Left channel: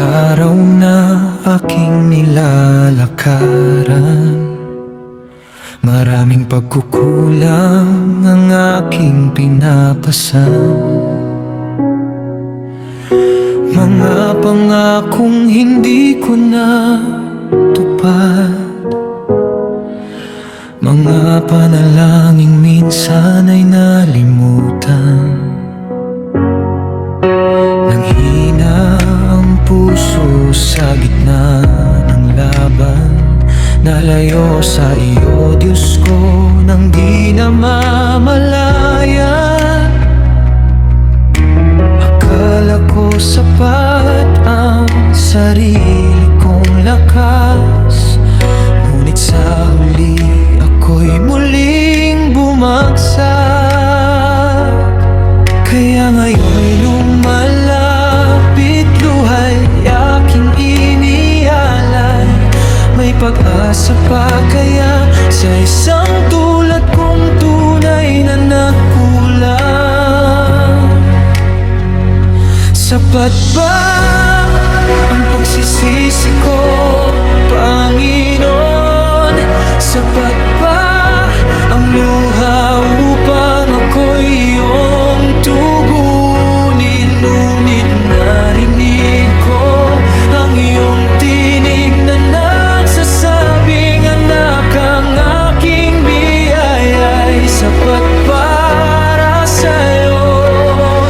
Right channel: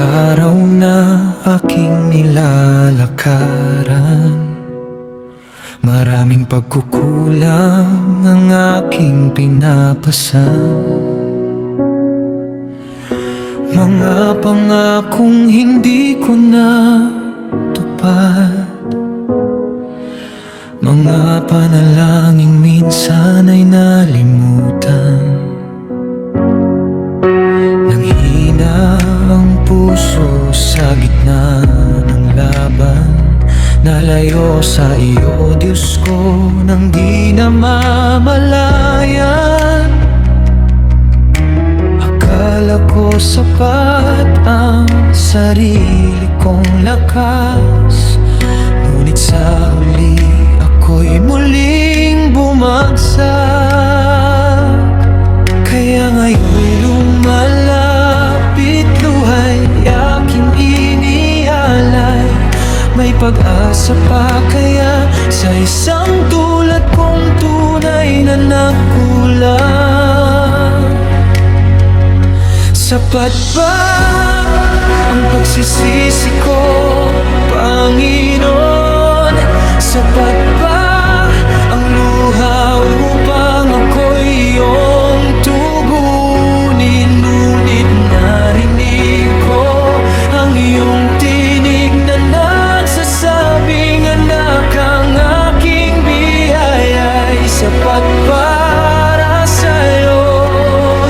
araw na aking nilalakaran, maraming pagkukulang ang aking pinapasan. Mga pangakong hindi ko natupad, mga panalangin minsan ay nalimutan. Nanghina ang puso sa gitna ng laban, nalayo sa iyo, Diyos ko, nang di na mamalayan. Akala ko sapat ang sarili kong lakas, ngunit sa huli ako'y muling bumagsak. Kaya ngayon'y lumalapit, luhay aking inialay. May pag-asa pa kaya sa isang tulad kong tunay na nagkulang? Sapat ba ang pagsisisi ko, Panginoon? Sapat ba ang luha upang ako'y iyong tugunin? Ngunit narinig ko ang iyong tinig na nagsasabing, anak, ang aking biyaya'y sapat para sa'yo.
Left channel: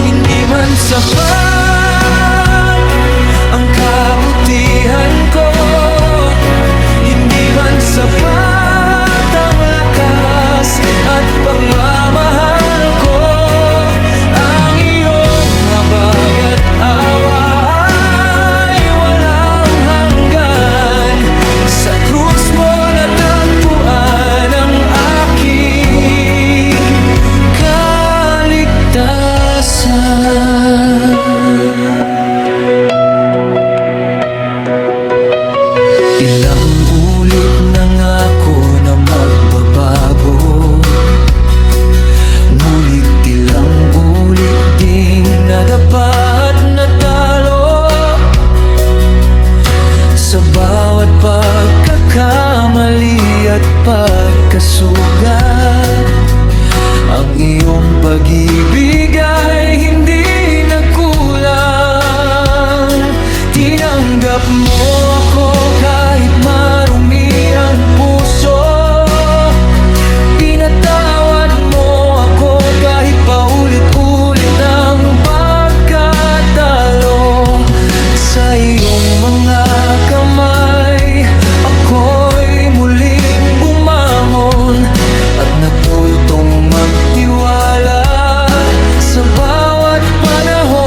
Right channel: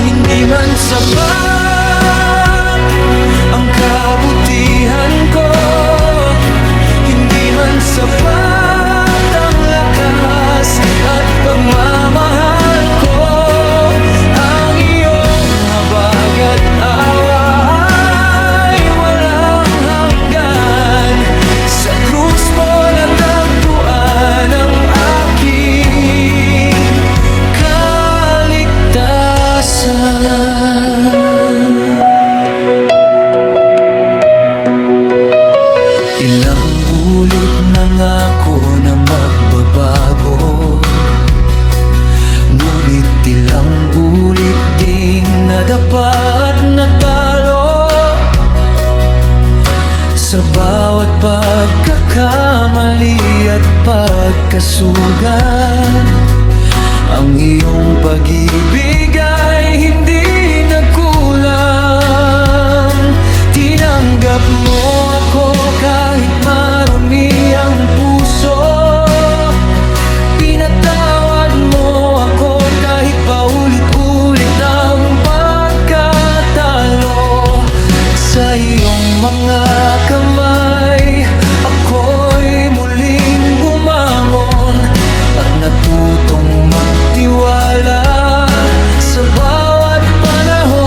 Hindi man sapat ang kabutihan ko, hindi man sapat ang lakas at pagmamahal ko. Ang iyong habag at awa ay walang hanggan. Sa krus mo natagpuan ang aking kaligtasan. Ilang ulit nangako na magbabago, ngunit ilang ulit ding nadapa at natalo. Sa bawat pagkakamali at pagkasugat, ang iyong pag-ibig ay hindi nagkulang. Tinanggap mo ako kahit marumi ang puso, pinatawad mo ako kahit paulit-ulit ang pagkatalo. Sa iyong mga kamay ako'y muling bumangon at natutong magtiwala sa bawat panahon.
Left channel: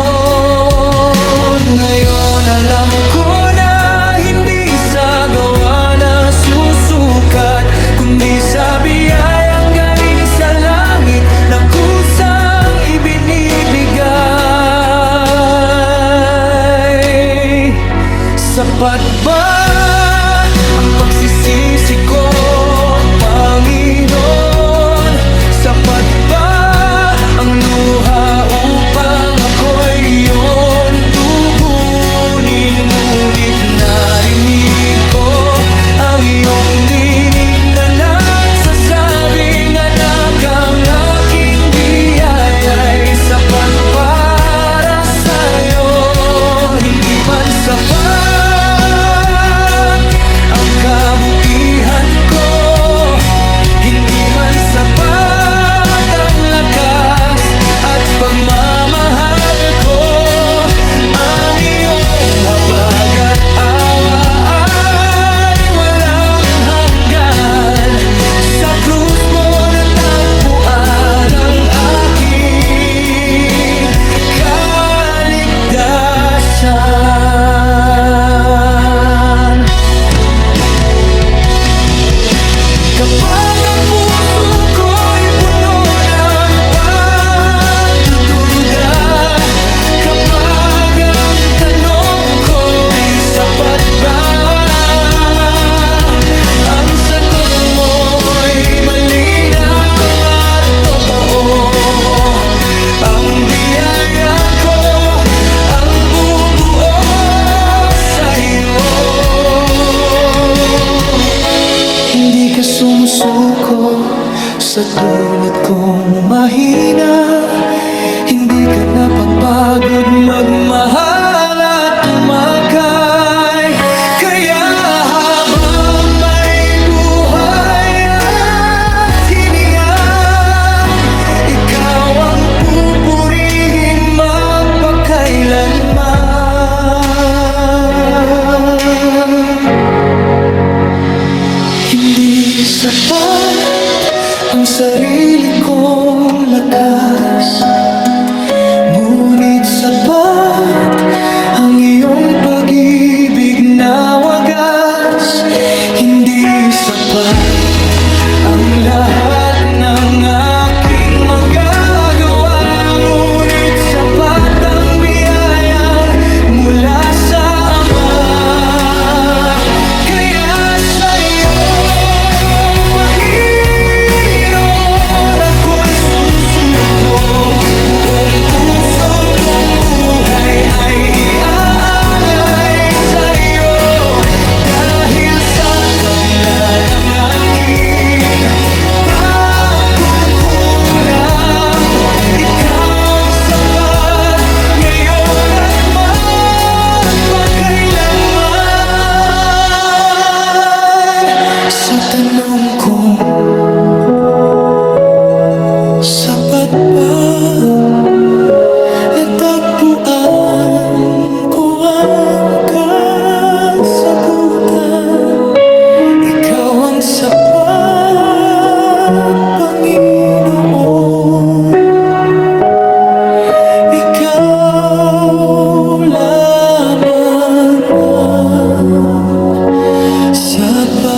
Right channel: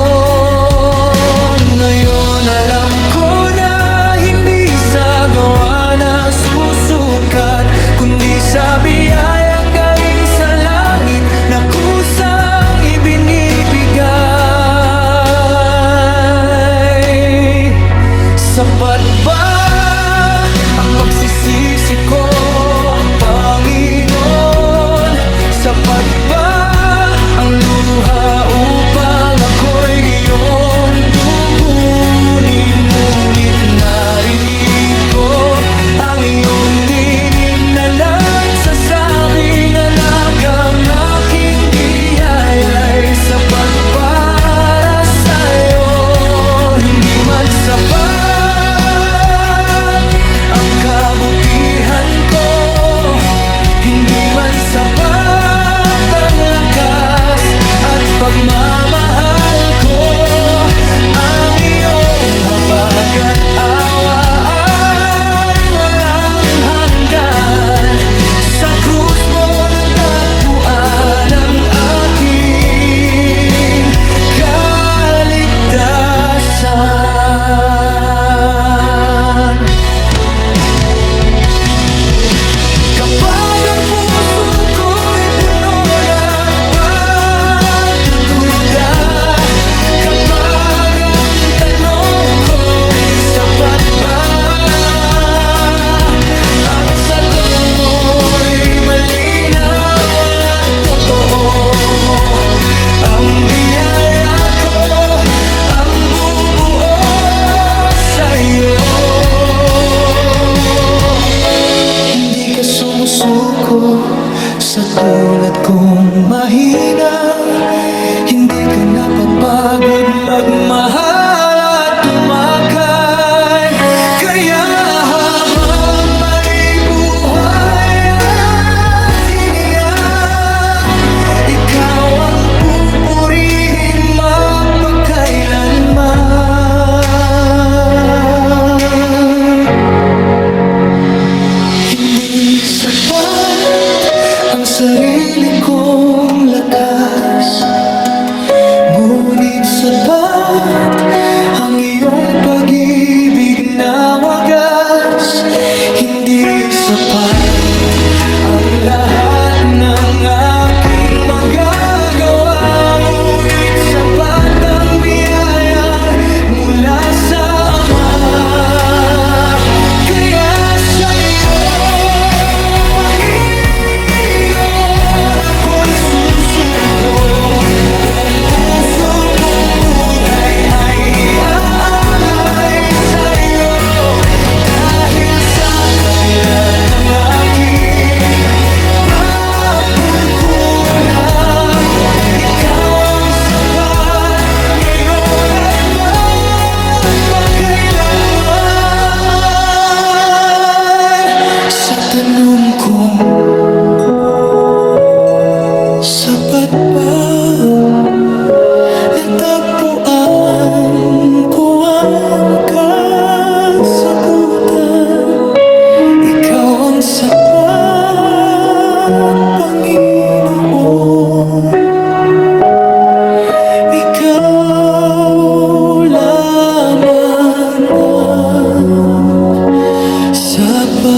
Ngayon alam ko na hindi sa gawa na susukat, kundi sa biyayang galing sa langit na kusang ibinibigay. Sapat ba ang pagsisisi ko, Panginoon? Sapat ba ang luha upang ako'y iyong tugunin? Ngunit narinig ko ang iyong tinig na nagsasabing, anak, ang aking biyaya'y sapat para sa'yo. Hindi man sapat ang kabutihan ko, hindi man sapat ang lakas at pagmamahal ko. Ang iyong habag at awa ay walang hanggan. Sa krus mo natagpuan ang aking kaligtasan. Kapag ang puso ko'y puno ng pagdududa, kapag ang tanong ko'y sapat ba, ang sagot mo'y malinaw at totoo. Ang biyaya ko ang bubuo ka sumusuko sa tulad kong mahina. Hindi ka napapagod magmahal at tumakay. Kaya habang may buhay at hininga, ikaw ang pupurihin magpakailanman. Hindi sapat ang sarili kong lakas, ngunit sapat ang iyong pag-ibig na wagas. Hindi sapat ang lahat ng aking magagawa, ngunit sapat ang biyayang mula sa Ama. Kaya sa'yo, Panginoon, ako'y susuko. Buong puso kong buhay ay iaalay sa'yo. Dahil sa kabila ng aking pagkukulang, ikaw ang sapat ngayon at magpakailanman. Sa tanong kong sapat ba, natagpuan ko ang kasagutan. Ikaw ang sapat, Panginoon. Ikaw lamang ang sapat.